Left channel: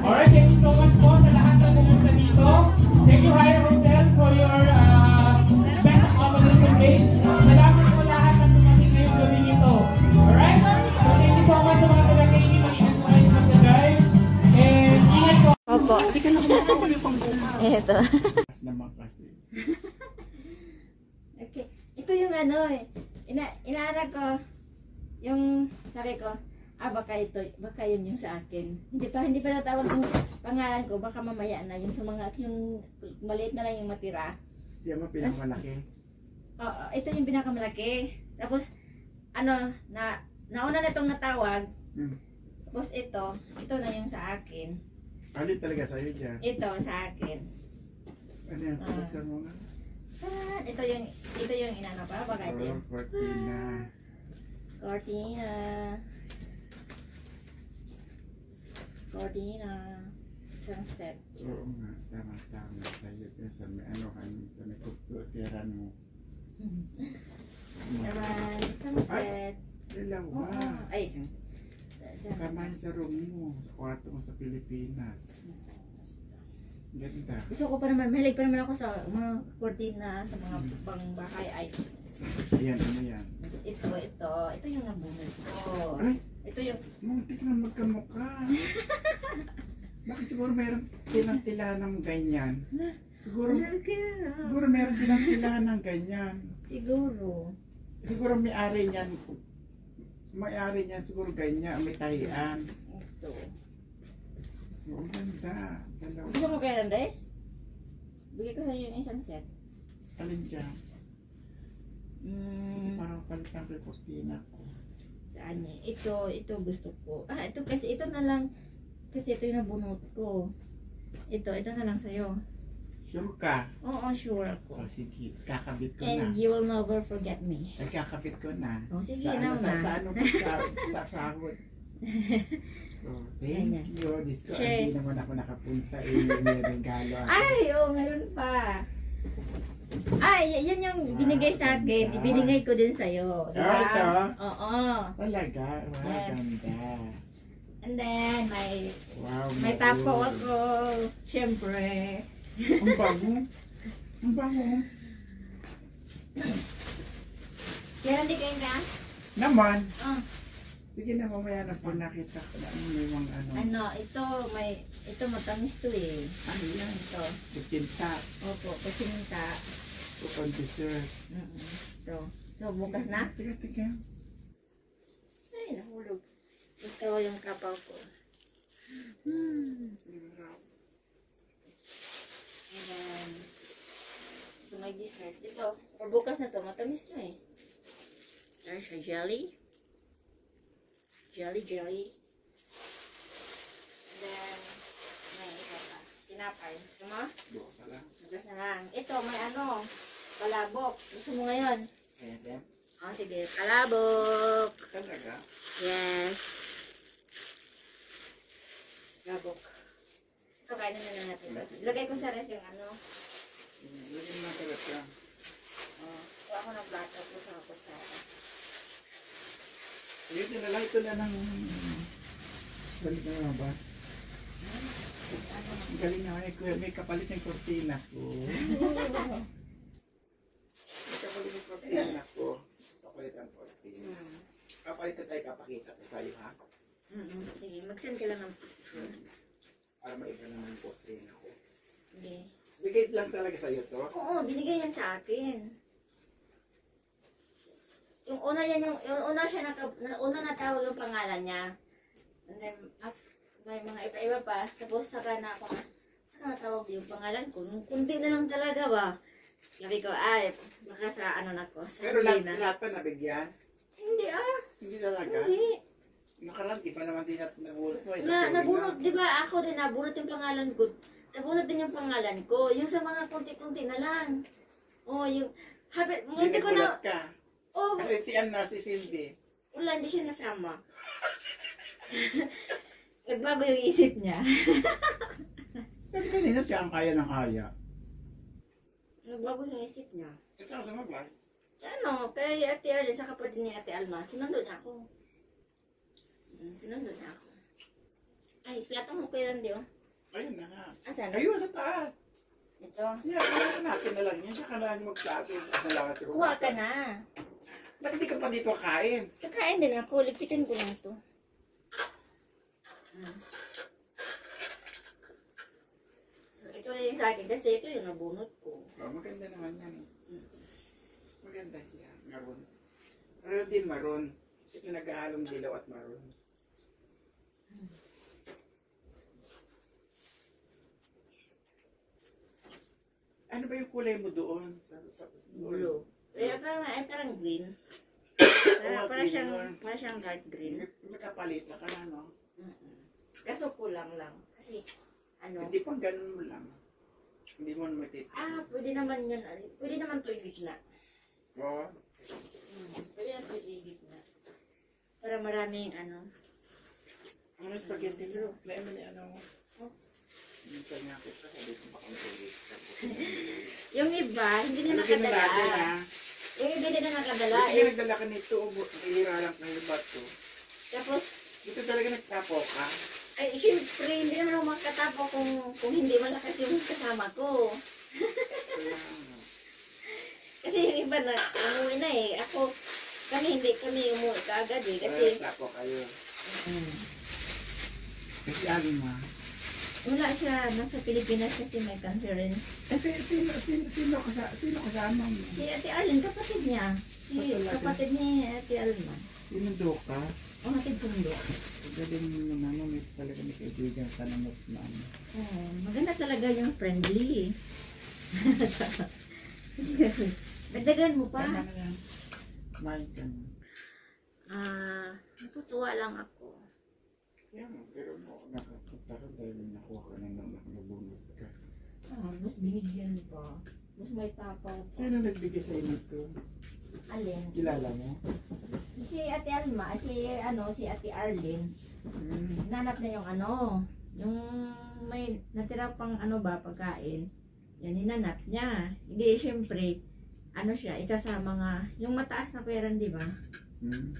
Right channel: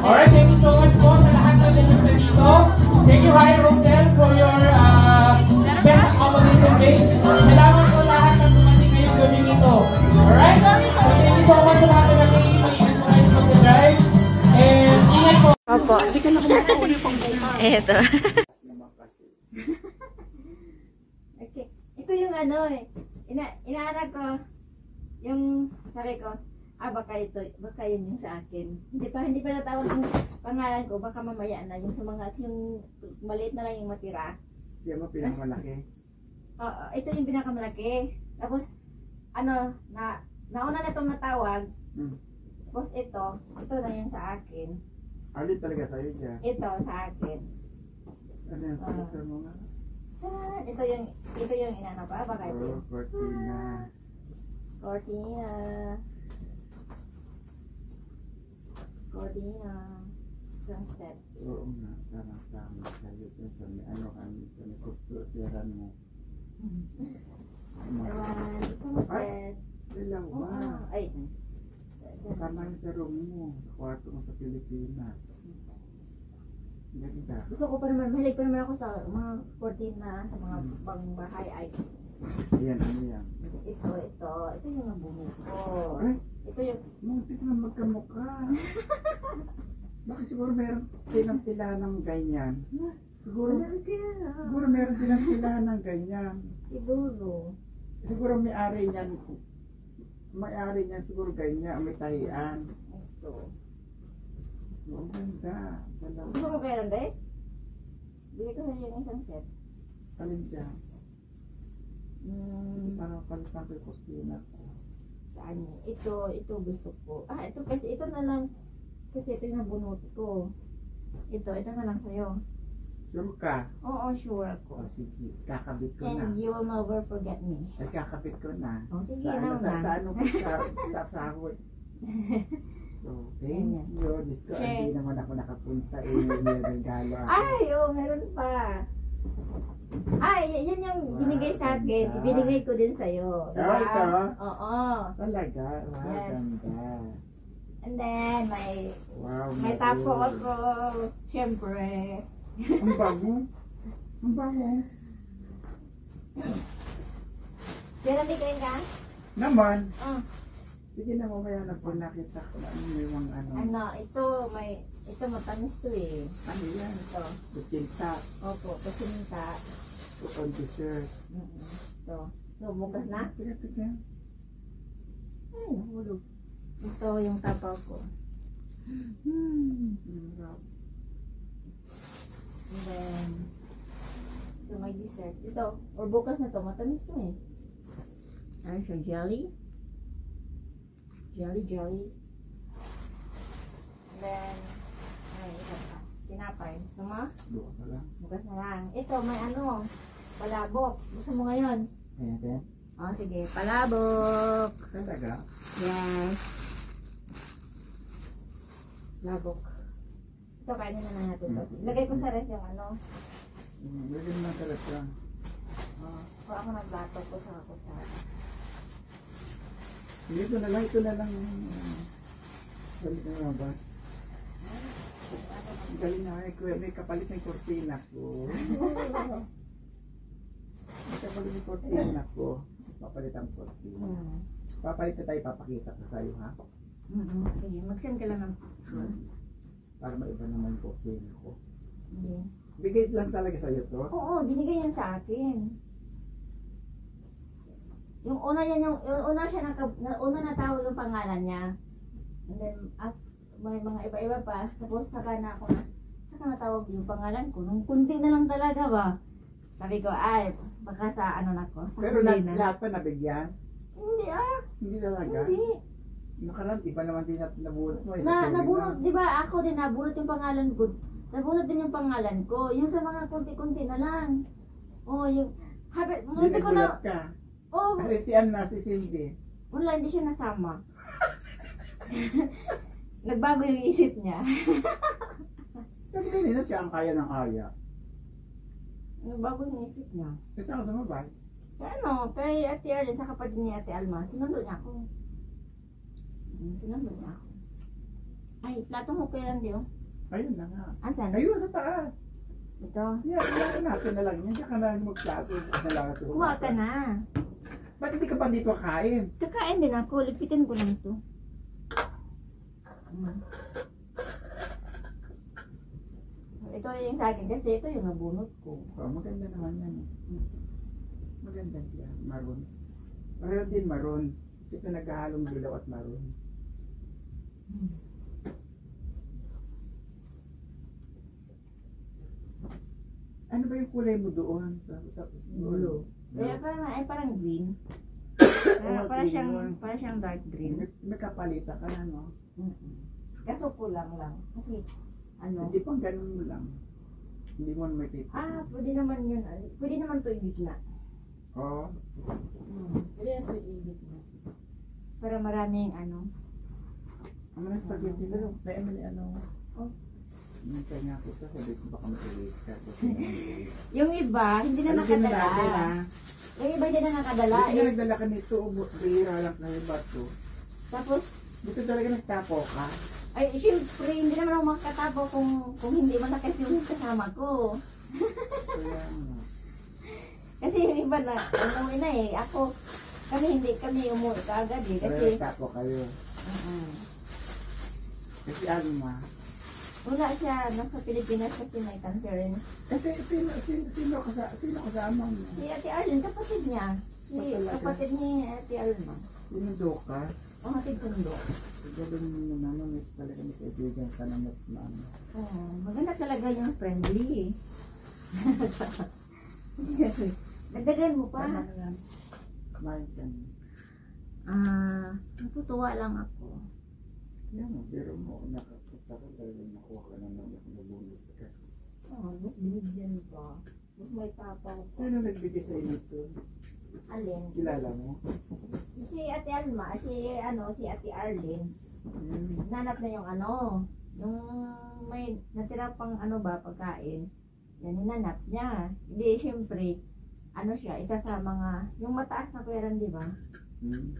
Alright, thank you so much po sa lahat na pumunta dito. Thank you, Higher Hotel, for your best accommodation base. Salamat po lahat na pumunta ngayong gabi nito. Alright? So, thank you so much sa lahat na nakikinig. Mag-ingat po kayo sa mag-drive. And ingat po. Opo. Hindi ka nakamata ko yung pang-buka. Ito. Okay. Ito yung ano eh. Inaarap ko. Yung sabi ko, baka yun yung sa akin. Hindi pa natawag yung pangalan ko, baka mamaya na yung sa mga, yung maliit na lang yung matira. Yan mo pinakamalaki. Oo, ito yung pinakamalaki. Tapos, nauna na itong natawag. Tapos ito na yung sa akin. Alin talaga sa'yo dyan? Ito sa akin. Ano yung pagkaksan mo nga? Ito yung inano pa, baka ito yung Cortina. Sunset. Oo nga, tama sa'yo. Sa may sa may kututiran mo. Naman, sunset. Dalawa. Ay, sunset. Tama yung sa room mo, sa kwarto mo sa Pilipinas. Ganda. Gusto ko pa naman, mahilig pa naman ako sa mga cortina, sa mga pang-bahay items. Yan, ano yan? Ito yung nabunod ko. Ay! Ito yung... Muntik na magkamukha. Bakit siguro meron silang tilahan ng ganyan? Siguro meron silang tilahan ng ganyan. Siguro may-ari niyan. May-ari niyan siguro ganyan, may tahian. Ito. Ang ganda. Dalawa. Gusto mo kaya Randay? Bigay ko sa iyo yung isang set. Alin dyan? Sige, parang palitan ko yung postina ko. Saan niya? Ito gusto ko. Ito kasi ito na lang. Kasi ito yung nabunot ko. Ito na lang sa'yo. Sure ka? Oo, sure ako. Sige, kakabit ko And na. you will never forget me. Ay, kakabit ko na. Sige, sa sahod. Thank you. Diyos ko, hindi naman ako nakapunta. May regalo ako. Meron pa. Yan yung binigay sa akin. Ibinigay ko din sa'yo. Ito? Oo. Talaga? Wow, Yes. ganda. And then, may tapo ako. Siyempre. Ang bago. Ang bago. Kaya hindi kayo na? Naman. Sige na, mamaya na po nakita ko na may mga Ito matamis to eh. Ano yan? Ito. Bukinta. Opo, pasinta. On dessert. Ito. So, bukas na? Tiga. Ay, nahulog. Ito yung tapaw ko. And then, ito may dessert. Ito, or bukas na to, matamis to eh. Ano siya, jelly? Jelly. And then, may isa pa. Tinapay. Sama? Bukas na lang. Ito, may palabok. Gusto mo ngayon? Ayan. Sige, palabok. Talaga? Yes. Labok. Ito, kainin na lang natin. Lagay ko sa ref yung Lagyan mo ng karat ka. Kung ako nagbato ko sa kutsara. Ito na lang. Ito na lang. Balik na naman ba? Galing naman. May kapalit ng kortina ko. May kapalit ng kortina ko. Papalit ang kortina. Papalit ka tayo, papakita ko tayo, ha? Sige, mag-send ka lang ng picture. Para maiba naman po kortina ko. Hindi. Bigay lang talaga sa'yo to? Oo, binigay yan sa akin. Yung una natawag yung pangalan niya. And then, may mga iba-iba pa. Tapos saka natawag yung pangalan ko. Nung kunti na lang talaga ba. Sabi ko, baka sa na ko. Sa pero lahat pa nabigyan? Hindi Hindi talaga? Hindi. Nakaraan, iba naman din nabunot mo. Nabunot, di ba? Ako din nabunot yung pangalan ko. Nabunot din yung pangalan ko. Yung sa mga kunti-kunti na lang. Yung... Hindi nagulat ka. Kasi si Cindy. Wala, hindi siya nasama. Nagbago yung isip niya. Pero kanina siya ang kaya ng aya. Nagbago yung isip niya. Saan ka sumabay? Kay Ate Arlene, sa kapatid ni Ate Alma, sinundo niya ako. Sinunod na ako. Ay, plato mo pera di oh. Ayun na nga. Asan? Ayun, sa taas. Ito. Yeah, iwan natin na lang yan. Diyan ka na lang magplato. Kuha ka na. Ba't hindi ka pa dito kain? Kakain din ako. Lipitin ko lang ito. So, ito yung sa akin. Kasi ito yung nabunot ko. Oh, maganda naman yan. Maganda siya. Maroon. Maroon din maroon. Ito naghahalong dilaw at maroon. Ano ba yung kulay mo doon? Blue. Parang green. Para siyang dark green. May kapalita ka na, no? Kaso kulang lang. Kasi, ano? Hindi pang ganun mo lang. Hindi mo may tita. Pwede naman yun. Pwede naman ito yung gitna. Oo. Pwede na ito yung gitna. Para maraming ano. Ang mga spaghetti mo. May ano. Oh. Hintay nga kita. Sabi ko baka matuloy. Yung iba, hindi na nakadala. Yung iba hindi na nakadala. Buti nga nagdala ka nito. Bihira lang kayo ba ito? Tapos, Buti talaga nagtapo ka. ay, syempre, hindi naman ako makatapo kung hindi malakas yung kasama ko. Kaya ano. Kasi yung iba na, umuwi na eh. Kami hindi umuwi kaagad eh. Kasi, Nagtapo kayo. Kasi alin mo. wala siya, nasa Pilipinas kasi may conference. Kasi sino kasama mo? Si Ate Arlene, kapatid niya. Kapatid ni Ate Alma. Sinundo ka? Ang hatid sundo. Galing mo naman. May talaga may kaibigan ka na mas mama. Maganda talaga yung friendly. Dagdagan mo pa. Tama na yan. Kumain ka na. Natutuwa lang ako. Yan, pero mo, nakapunta ka dahil nakuha ka na nang nabulot ka. Mas binigyan pa. Mas may tapang pa. Sino nagbigay sa inyo ito? Alin? Kilala mo? Si Ate Alma, si Ate Arlene. Hmm. Nanap na yung may natira pang pagkain. Yan, hinanap niya. Hindi, syempre, siya, isa sa mga, yung mataas na pera, di ba? Hmm.